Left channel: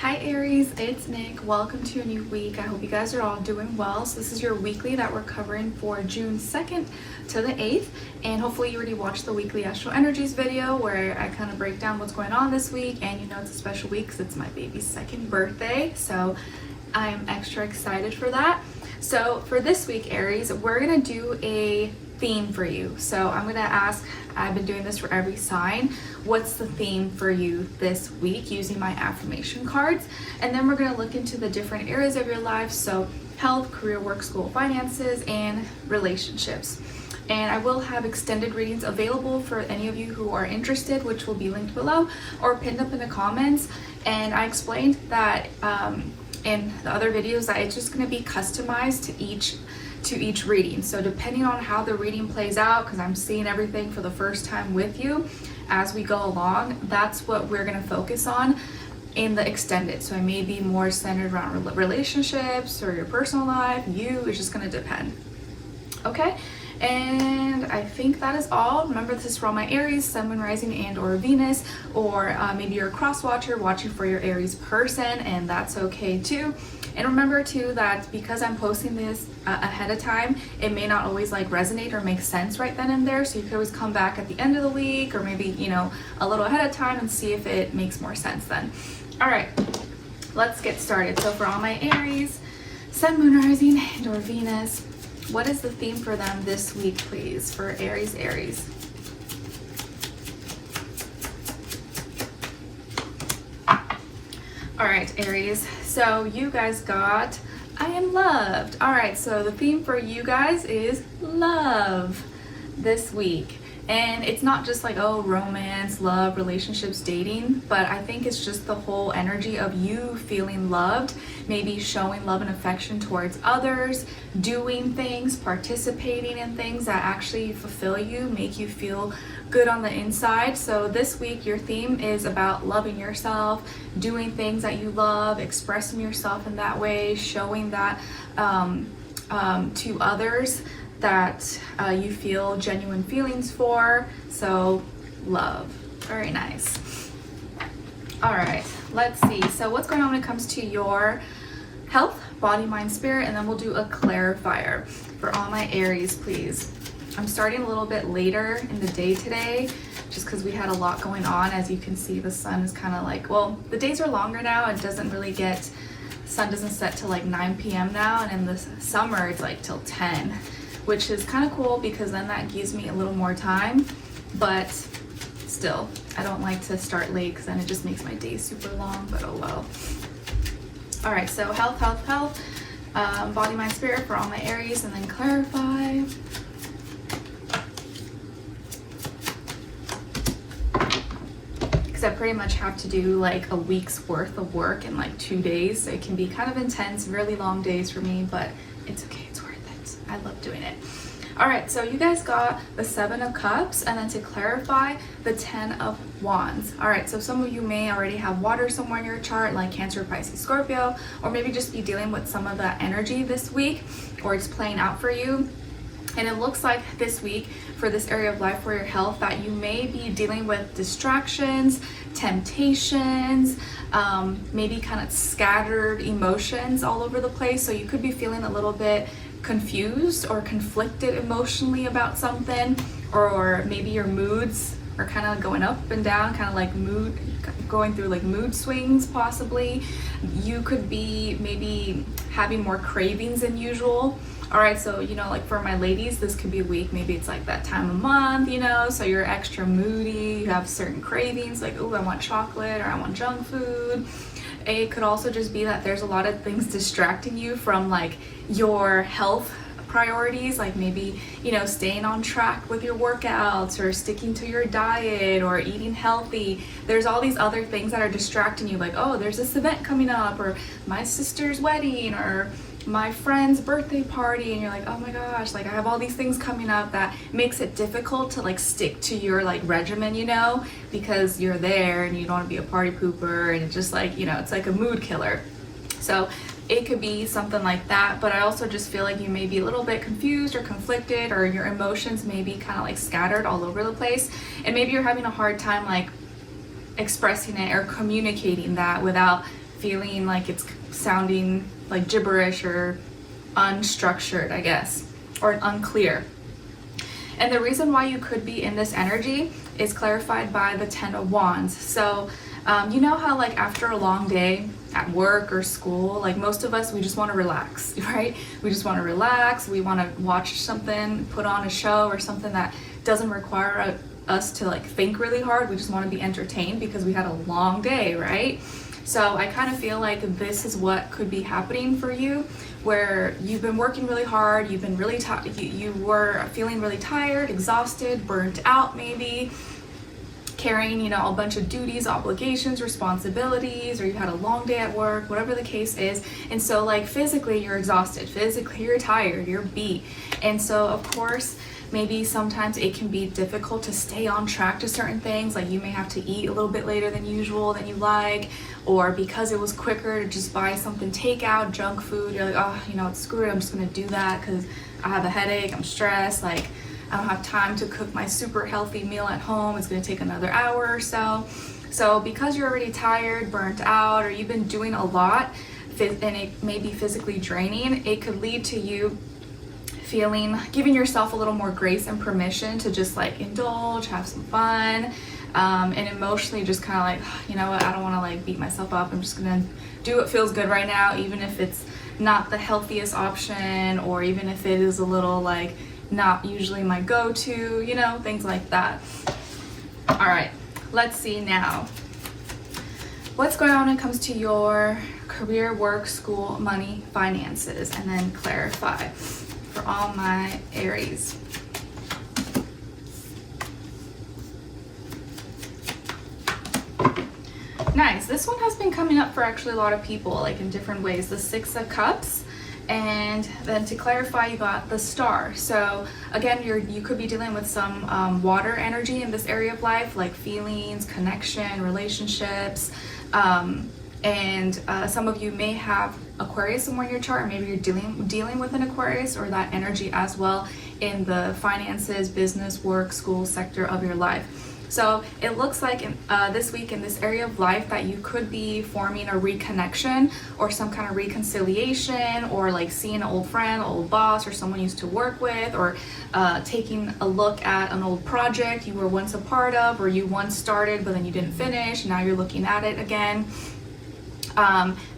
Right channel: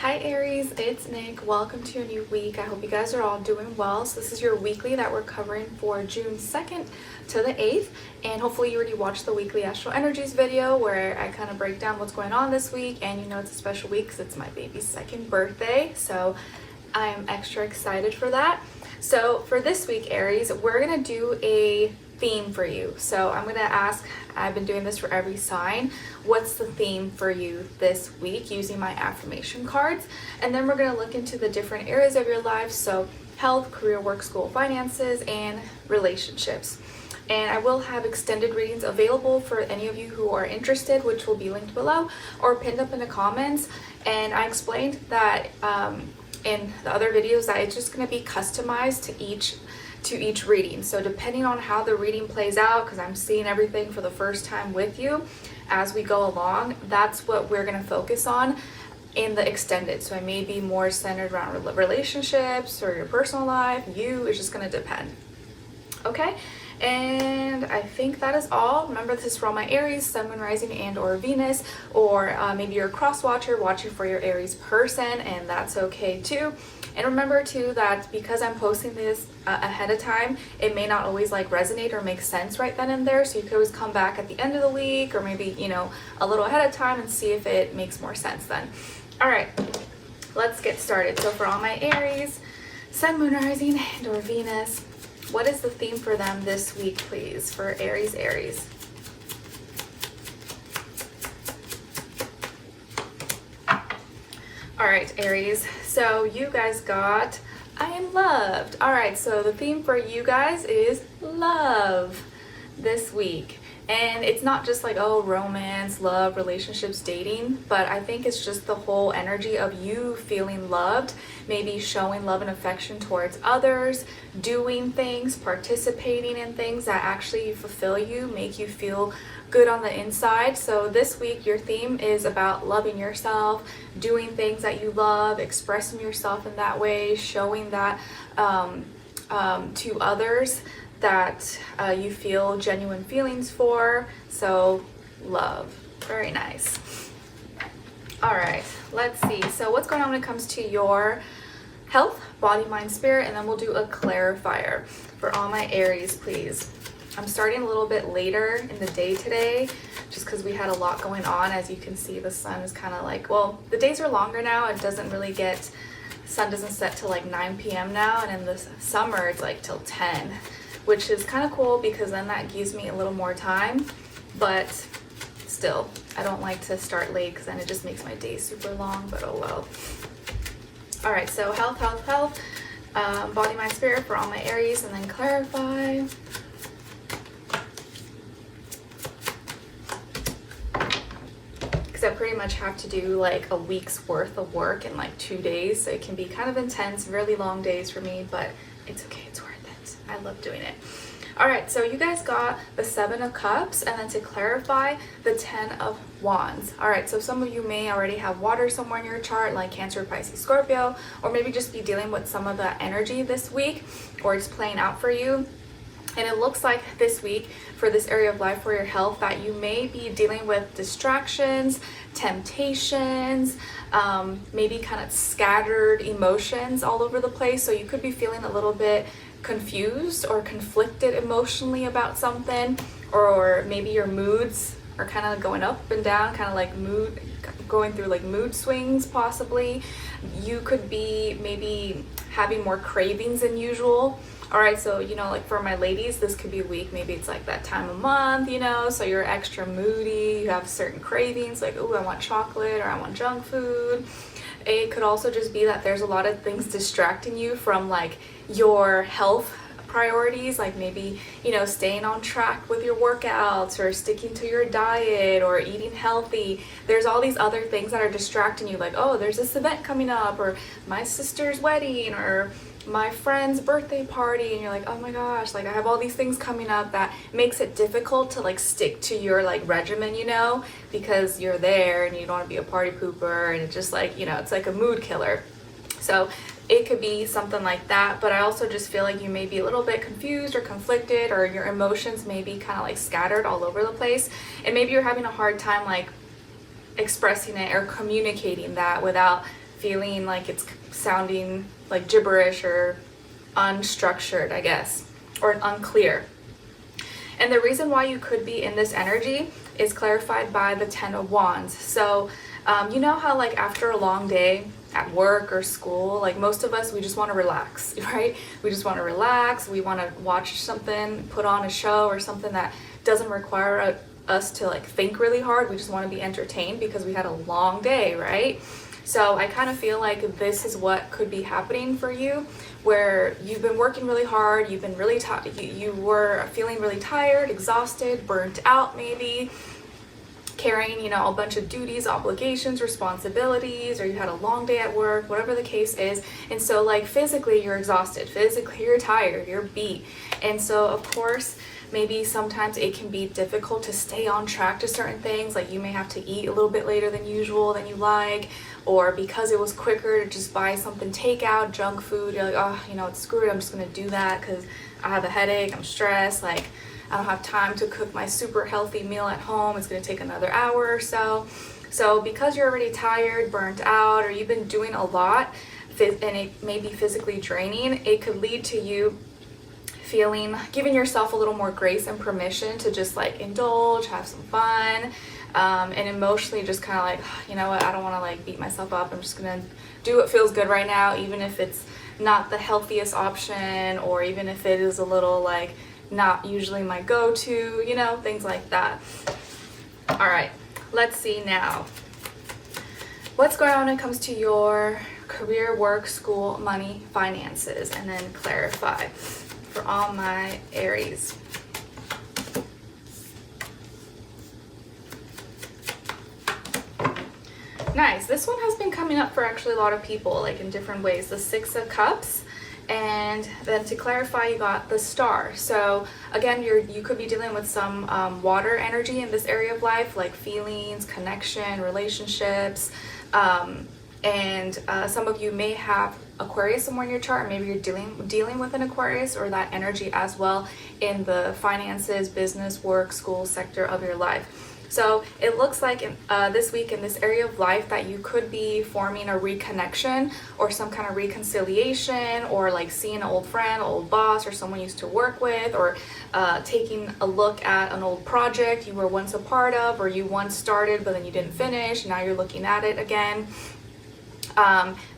Hi Aries, it's Nick. Welcome to a new week. I hope you guys are all doing well. So this is your weekly that we're covering for June 2nd to the 8th. And hopefully you already watched the weekly astro energies video where I kind of break down what's going on this week. And you know it's a special week because it's my baby's 2nd birthday. So I am extra excited for that. So for this week, Aries, we're going to do a theme for you. So I'm going to ask, I've been doing this for every sign, what's the theme for you this week using my affirmation cards. And then we're going to look into the different areas of your life. So health, career, work, school, finances, and relationships. And I will have extended readings available for any of you who are interested, which will be linked below or pinned up in the comments. And I explained that in the other videos that it's just going to be customized to each reading. So depending on how the reading plays out, because I'm seeing everything for the first time with you as we go along, that's what we're going to focus on in the extended. So it may be more centered around relationships or your personal life. It's just going to depend. Okay. And I think that is all. Remember, this is for all my Aries, Sun, Moon, Rising, and or Venus, or maybe you're a cross watcher watching for your Aries person, and that's okay too. And remember too that because I'm posting this ahead of time, it may not always like resonate or make sense right then and there. So you could always come back at the end of the week or maybe, you know, a little ahead of time and see if it makes more sense then. All right, let's get started. So for all my Aries, Sun, Moon, Rising, and or Venus, what is the theme for them this week, please, for Aries? All right, Aries, so you guys got, I am loved. All right, so the theme for you guys is love this week. And it's not just like, oh, romance, love, relationships, dating, but I think it's just the whole energy of you feeling loved, maybe showing love and affection towards others, doing things, participating in things that actually fulfill you, make you feel good on the inside. So this week, your theme is about loving yourself, doing things that you love, expressing yourself in that way, showing that to others that you feel genuine feelings for. So love, very nice. All right, let's see. So what's going on when it comes to your health, body, mind, spirit, and then we'll do a clarifier for all my Aries, please. I'm starting a little bit later in the day today, just because we had a lot going on. As you can see, the sun is kind of like, well, the days are longer now. It doesn't really get, sun doesn't set till like 9 p.m. now, and in the summer it's like till 10. Which is kind of cool because then that gives me a little more time, but still, I don't like to start late because then it just makes my day super long, but oh well. All right, so health, body, mind, spirit for all my Aries, and then clarify. Because I pretty much have to do like a week's worth of work in like 2 days. So it can be kind of intense, really long days for me, but it's okay. I love doing it. All right, so you guys got the 7 of Cups, and then to clarify, the 10 of Wands. All right, so some of you may already have water somewhere in your chart, like Cancer, Pisces, Scorpio, or maybe just be dealing with some of that energy this week, or it's playing out for you. And it looks like this week, for this area of life for your health, that you may be dealing with distractions, temptations, maybe kind of scattered emotions all over the place. So you could be feeling a little bit confused or conflicted emotionally about something, or maybe your moods are kind of going up and down, kind of like going through like mood swings possibly. You could be maybe having more cravings than usual. All right, so you know, like for my ladies, this could be a week, maybe it's like that time of month, you know, so you're extra moody, you have certain cravings like, oh, I want chocolate or I want junk food. It could also just be that there's a lot of things distracting you from like your health priorities, like maybe, you know, staying on track with your workouts or sticking to your diet or eating healthy. There's all these other things that are distracting you, like, oh, there's this event coming up, or my sister's wedding, or my friend's birthday party, and you're like, oh my gosh, like I have all these things coming up that makes it difficult to like stick to your like regimen, you know, because you're there and you don't want to be a party pooper, and it's just like, you know, it's like a mood killer. So it could be something like that, but I also just feel like you may be a little bit confused or conflicted, or your emotions may be kind of like scattered all over the place, and maybe you're having a hard time like expressing it or communicating that without feeling like it's sounding like gibberish or unstructured, I guess, or unclear. And the reason why you could be in this energy is clarified by the 10 of Wands. So you know how like after a long day at work or school, like most of us, we just want to relax, right? We just want to relax. We want to watch something, put on a show or something that doesn't require us to like think really hard. We just want to be entertained because we had a long day, right? So I kind of feel like this is what could be happening for you, where you've been working really hard, you've been really tired, you were feeling really tired, exhausted, burnt out maybe, carrying, you know, a bunch of duties, obligations, responsibilities, or you had a long day at work, whatever the case is. And so like physically you're exhausted, physically you're tired, you're beat. And so of course, maybe sometimes it can be difficult to stay on track to certain things. Like you may have to eat a little bit later than usual, than you like, or because it was quicker to just buy something takeout, junk food, you're like, oh, you know, it's screwed, I'm just gonna do that because I have a headache, I'm stressed, like I don't have time to cook my super healthy meal at home, it's gonna take another hour or so. So because you're already tired, burnt out, or you've been doing a lot, and it may be physically draining, it could lead to you giving yourself a little more grace and permission to just like indulge, have some fun, and emotionally just kind of like, you know what, I don't want to like beat myself up. I'm just gonna do what feels good right now, even if it's not the healthiest option, or even if it is a little like not usually my go-to, you know, things like that. All right, let's see now what's going on when it comes to your career, work, school, money, finances, and then clarify for all my Aries. Nice. This one has been coming up for actually a lot of people, like in different ways. The 6 of Cups, and then to clarify, you got the Star. So again, you could be dealing with some water energy in this area of life, like feelings, connection, relationships, and some of you may have Aquarius somewhere in your chart. Maybe you're dealing with an Aquarius or that energy as well in the finances, business, work, school sector of your life. So it looks like this week in this area of life that you could be forming a reconnection or some kind of reconciliation, or like seeing an old friend, old boss, or someone you used to work with, or taking a look at an old project you were once a part of, or you once started but then you didn't finish, now you're looking at it again.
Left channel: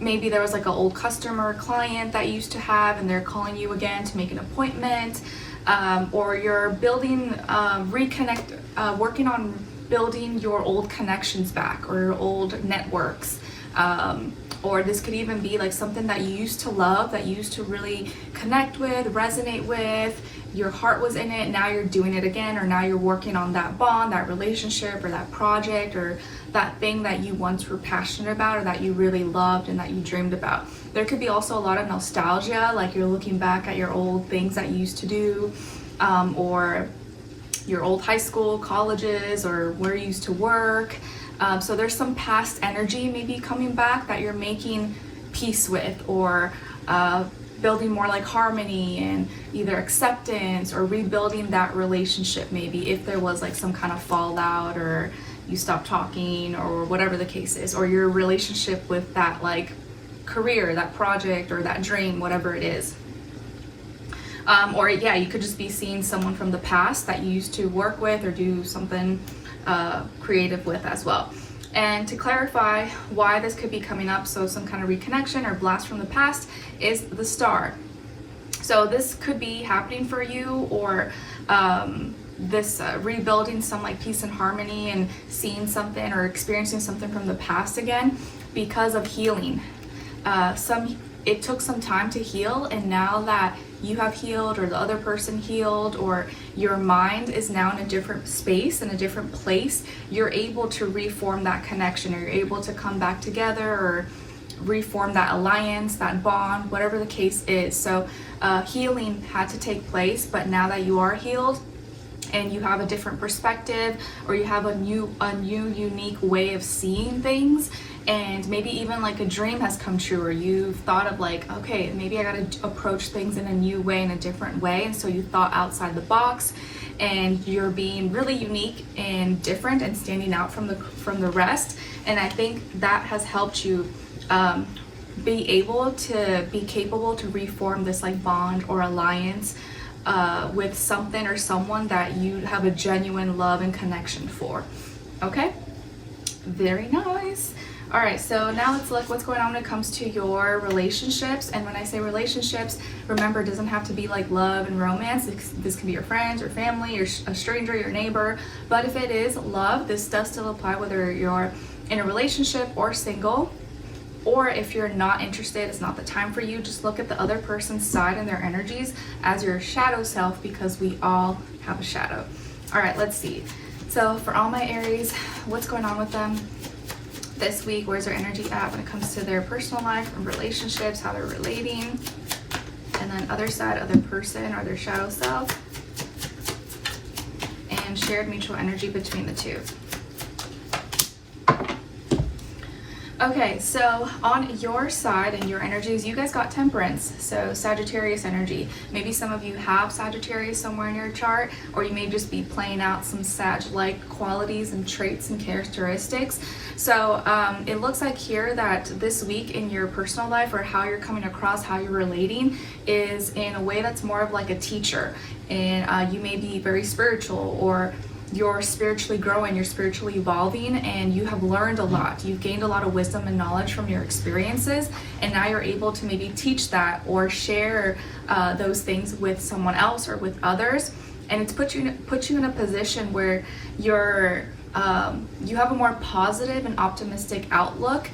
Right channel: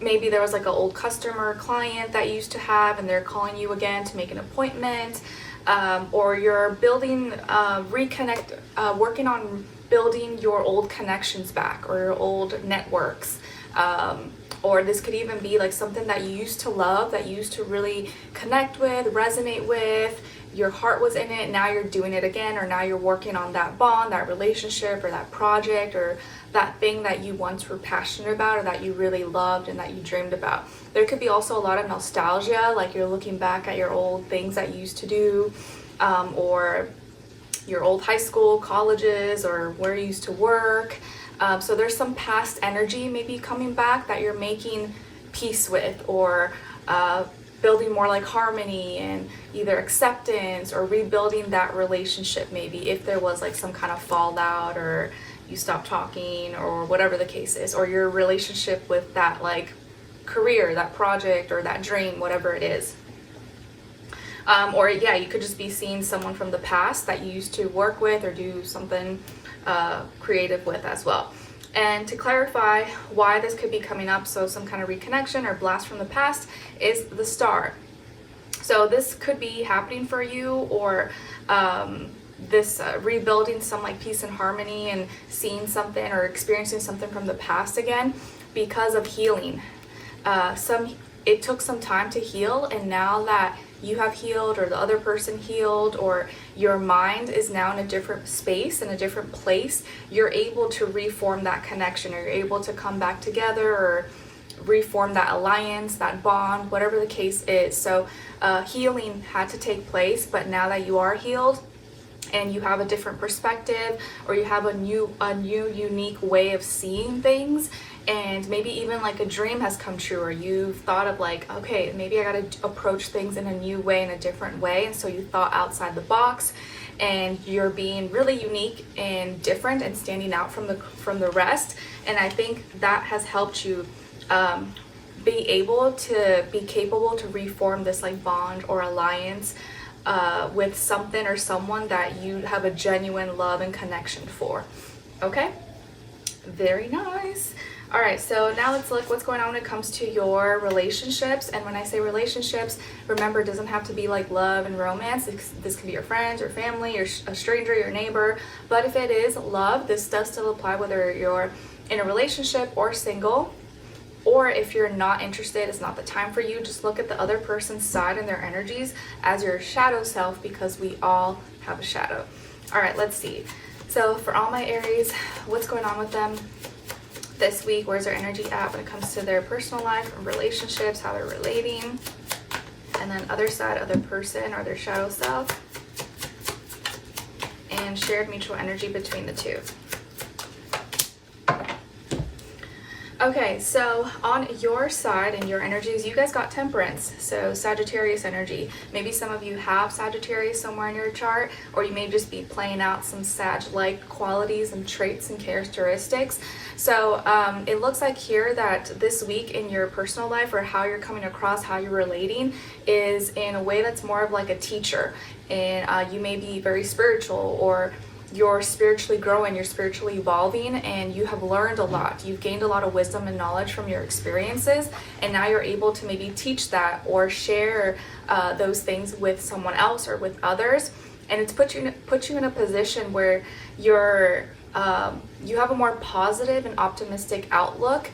Maybe there was like an old customer, client that you used to have, and they're calling you again to make an appointment. Or you're building, working on building your old connections back, or your old networks. Or this could even be like something that you used to love, that you used to really connect with, resonate with, your heart was in it, now you're doing it again, or now you're working on that bond, that relationship, or that project, or that thing that you once were passionate about, or that you really loved and that you dreamed about. There could be also a lot of nostalgia, like you're looking back at your old things that you used to do, or your old high school, colleges, or where you used to work. So there's some past energy maybe coming back that you're making peace with, or building more like harmony and either acceptance, or rebuilding that relationship maybe if there was like some kind of fallout, or you stopped talking, or whatever the case is, or your relationship with that like career, that project, or that dream, whatever it is. Or yeah, you could just be seeing someone from the past that you used to work with or do something creative with as well. And to clarify why this could be coming up, so some kind of reconnection or blast from the past, is the Star. So this could be happening for you, or this rebuilding some like peace and harmony, and seeing something or experiencing something from the past again because of healing. It took some time to heal, and now that you have healed, or the other person healed, or your mind is now in a different space, in a different place, you're able to reform that connection, or you're able to come back together, or reform that alliance, that bond, whatever the case is. So healing had to take place, but now that you are healed and you have a different perspective, or you have a new unique way of seeing things, and maybe even like a dream has come true, or you've thought of like, okay, maybe I gotta approach things in a new way, in a different way, and so you thought outside the box, and you're being really unique and different and standing out from the rest. And I think that has helped you be able to be capable to reform this like bond or alliance with something or someone that you have a genuine love and connection for. Okay, very nice. All right, so now let's look what's going on when it comes to your relationships. And when I say relationships, remember, it doesn't have to be like love and romance. This can be your friends or family or a stranger, your neighbor. But if it is love, this does still apply whether you're in a relationship or single. Or if you're not interested, it's not the time for you, just look at the other person's side and their energies as your shadow self, because we all have a shadow. All right, let's see. So for all my Aries, what's going on with them this week? Where's their energy at when it comes to their personal life and relationships, how they're relating? And then other side, other person or their shadow self. And shared mutual energy between the two. Okay, so on your side and your energies, you guys got Temperance, so Sagittarius energy. Maybe some of you have Sagittarius somewhere in your chart, or you may just be playing out some Sag-like qualities and traits and characteristics. So it looks like here that this week in your personal life, or how you're coming across, how you're relating, is in a way that's more of like a teacher. And you may be very spiritual, or you're spiritually growing, you're spiritually evolving, and you have learned a lot. You've gained a lot of wisdom and knowledge from your experiences, and now you're able to maybe teach that or share those things with someone else or with others. And it's put you in a position where you're you have a more positive and optimistic outlook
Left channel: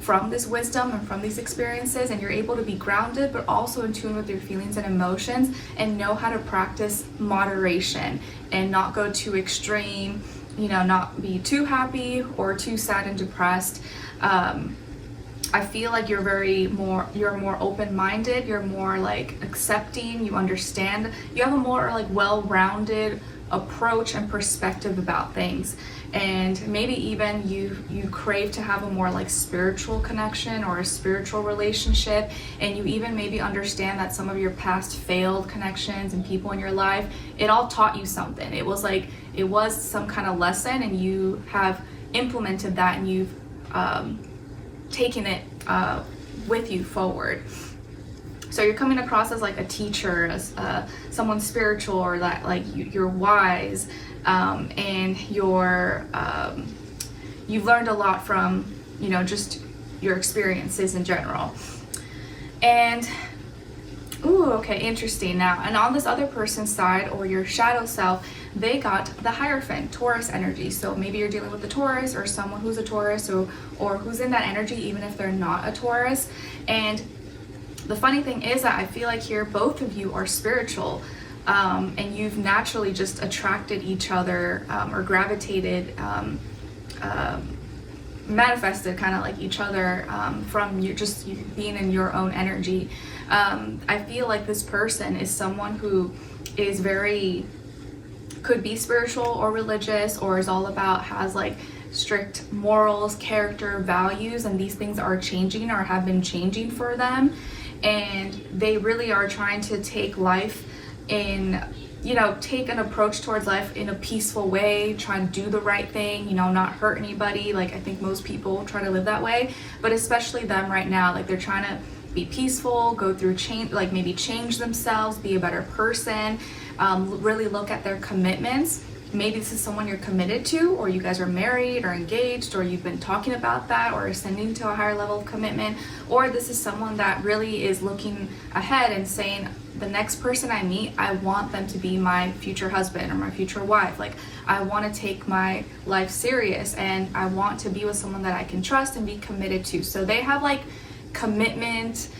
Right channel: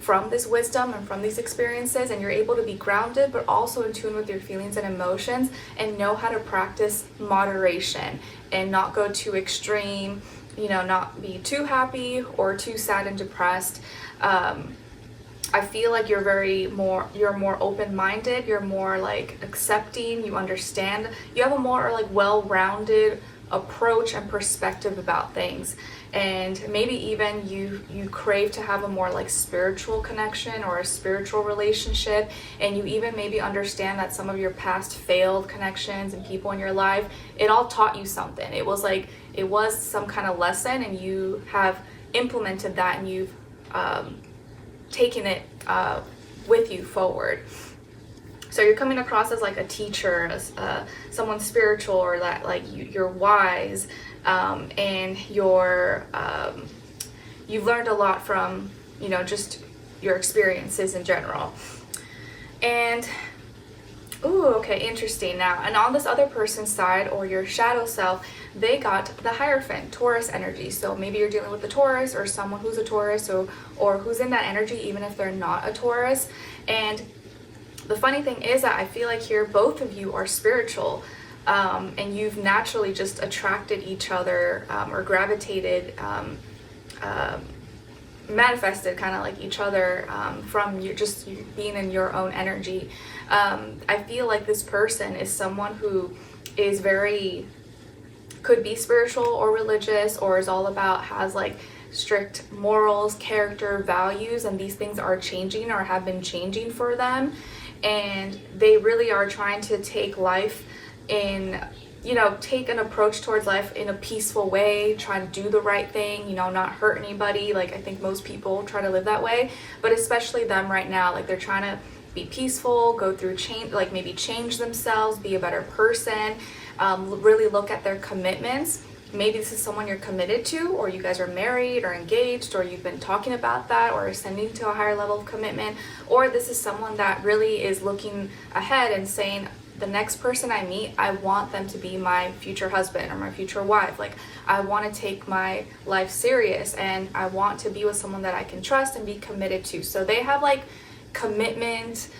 from this wisdom and from these experiences, and you're able to be grounded but also in tune with your feelings and emotions, and know how to practice moderation and not go too extreme, you know, not be too happy or too sad and depressed. I feel like you're more open-minded, you're more like accepting, you understand, you have a more like well-rounded approach and perspective about things. And maybe even you crave to have a more like spiritual connection or a spiritual relationship, and you even maybe understand that some of your past failed connections and people in your life, it all taught you something. It was some kind of lesson, and you have implemented that, and you've taken it with you forward. So you're coming across as like a teacher, someone spiritual, or that like you're wise, and you've learned a lot from, you know, just your experiences in general. And ooh, okay, interesting. Now, and on this other person's side, or your shadow self, they got the Hierophant, Taurus energy. So maybe you're dealing with a Taurus, or someone who's a Taurus, or who's in that energy, even if they're not a Taurus. And the funny thing is that I feel like here both of you are spiritual, and you've naturally just attracted each other, or gravitated, manifested kind of like each other, from you being in your own energy. I feel like this person is someone who is could be spiritual or religious, or is all about, has like strict morals, character, values, and these things are changing or have been changing for them. And they really are trying to take life in, you know, take an approach towards life in a peaceful way, try and do the right thing, you know, not hurt anybody. Like, I think most people try to live that way, but especially them right now, like they're trying to be peaceful, go through change, like maybe change themselves, be a better person, really look at their commitments. Maybe this is someone you're committed to, or you guys are married or engaged, or you've been talking about that, or ascending to a higher level of commitment. Or this is someone that really is looking ahead and saying, the next person I meet, I want them to be my future husband or my future wife. Like, I want to take my life serious, and I want to be with someone that I can trust and be committed to. So they have like commitment,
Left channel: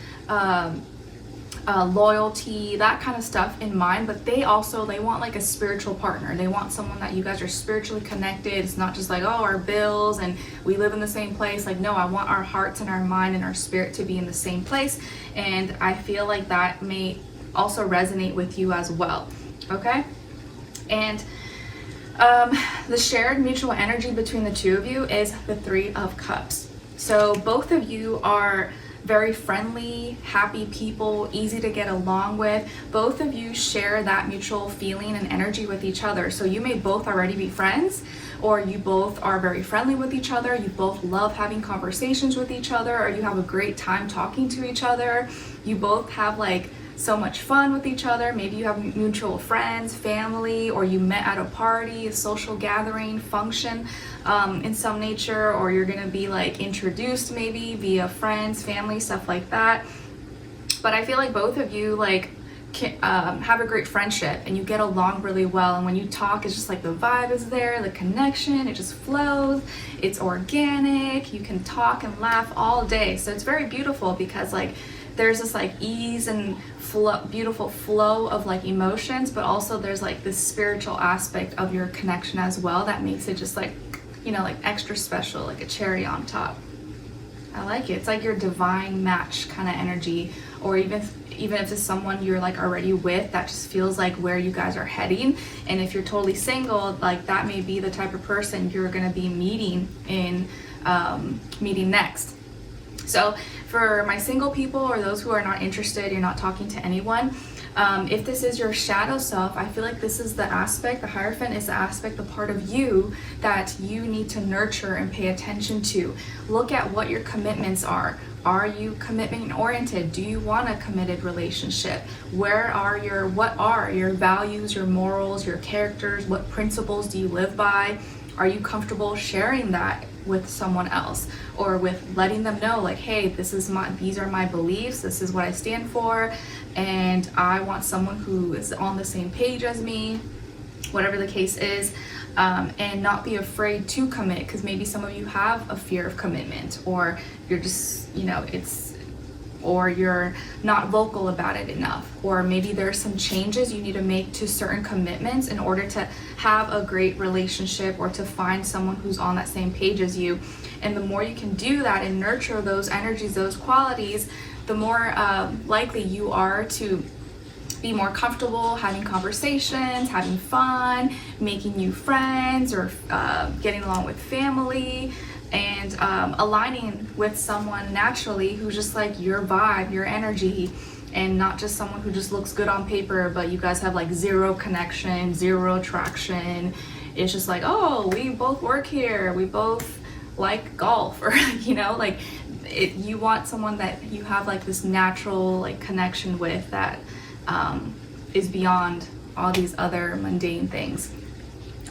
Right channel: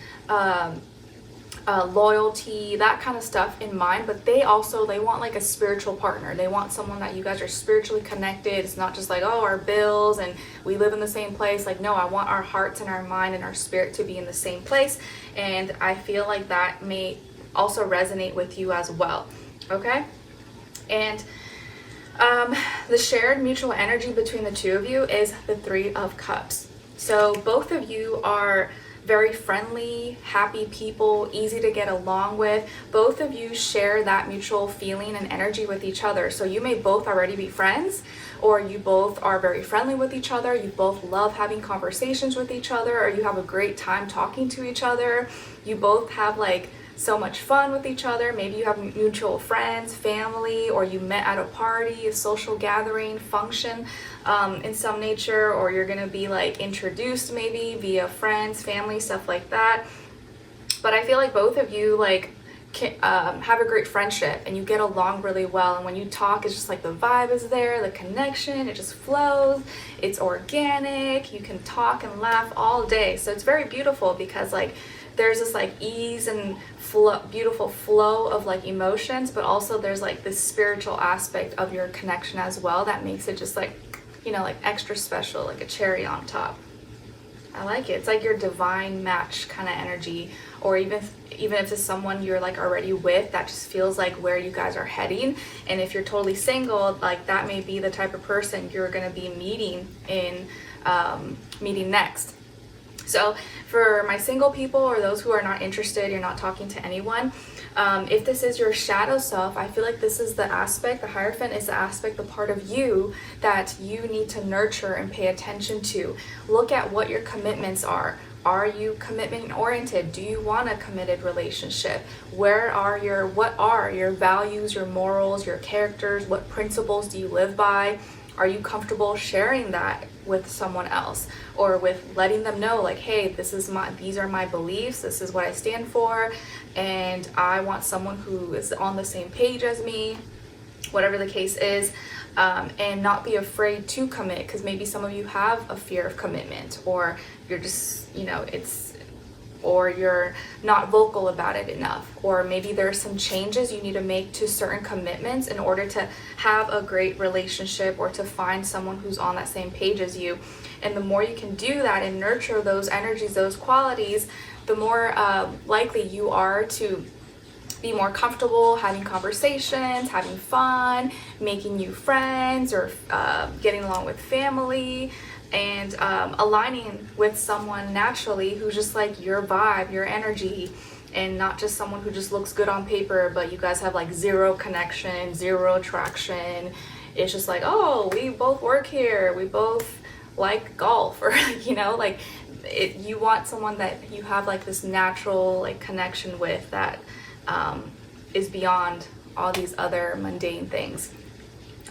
loyalty, that kind of stuff in mind, but they want like a spiritual partner. They want someone that you guys are spiritually connected. It's not just like, oh, our bills and we live in the same place. Like, no, I want our hearts and our mind and our spirit to be in the same place. And I feel like that may also resonate with you as well. Okay. And the shared mutual energy between the two of you is the Three of Cups. So both of you are very friendly, happy people, easy to get along with. Both of you share that mutual feeling and energy with each other. So you may both already be friends, or you both are very friendly with each other, you both love having conversations with each other, or you have a great time talking to each other, you both have like so much fun with each other. Maybe you have mutual friends, family, or you met at a party, a social gathering, function in some nature, or you're gonna be like introduced maybe via friends, family, stuff like that. But I feel like both of you like have a great friendship and you get along really well, and when you talk, it's just like the vibe is there, the connection, it just flows, it's organic, you can talk and laugh all day. So it's very beautiful because like there's this like ease and beautiful flow of like emotions, but also there's like this spiritual aspect of your connection as well that makes it just like, you know, like extra special, like a cherry on top. I like it. It's like your divine match kind of energy, or even if it's someone you're like already with, that just feels like where you guys are heading. And if you're totally single, like that may be the type of person you're gonna be meeting next. So for my single people or those who are not interested, you're not talking to anyone, if this is your shadow self, I feel like this is the aspect, the Hierophant is the aspect, the part of you that you need to nurture and pay attention to. Look at what your commitments are. Are you commitment oriented? Do you want a committed relationship? What are your values, your morals, your characters? What principles do you live by? Are you comfortable sharing that with someone else, or with letting them know like, hey, these are my beliefs, this is what I stand for, and I want someone who is on the same page as me, whatever the case is, and not be afraid to commit, because maybe some of you have a fear of commitment, or you're just, you know, or you're not vocal about it enough, or maybe there's some changes you need to make to certain commitments in order to have a great relationship or to find someone who's on that same page as you. And the more you can do that and nurture those energies, those qualities, the more likely you are to be more comfortable having conversations, having fun, making new friends, or getting along with family, and aligning with someone naturally who's just like your vibe, your energy, and not just someone who just looks good on paper, but you guys have like zero connection, zero traction. It's just like, oh, we both work here, we both like golf, or you know, like you want someone that you have like this natural like connection with that is beyond all these other mundane things.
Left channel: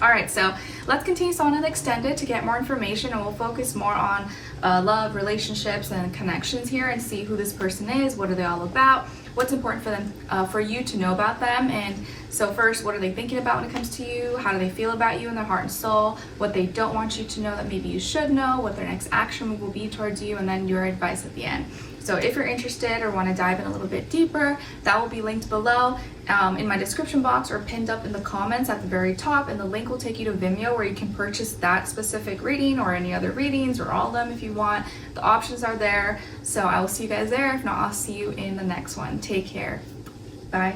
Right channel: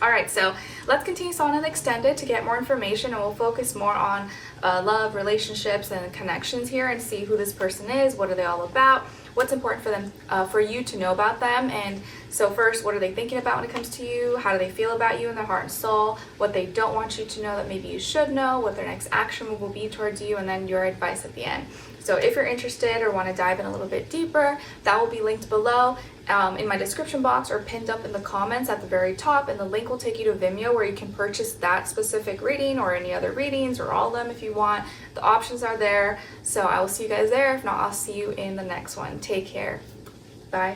All right, so let's continue on and extend it to get more information, and we'll focus more on love, relationships, and connections here, and see who this person is, what are they all about, what's important for them, for you to know about them. And so first, what are they thinking about when it comes to you? How do they feel about you in their heart and soul? What they don't want you to know that maybe you should know, what their next action will be towards you, and then your advice at the end. So if you're interested or want to dive in a little bit deeper, that will be linked below in my description box, or pinned up in the comments at the very top, and the link will take you to Vimeo, where you can purchase that specific reading or any other readings, or all of them if you want. The options are there. So I will see you guys there. If not, I'll see you in the next one. Take care. Bye.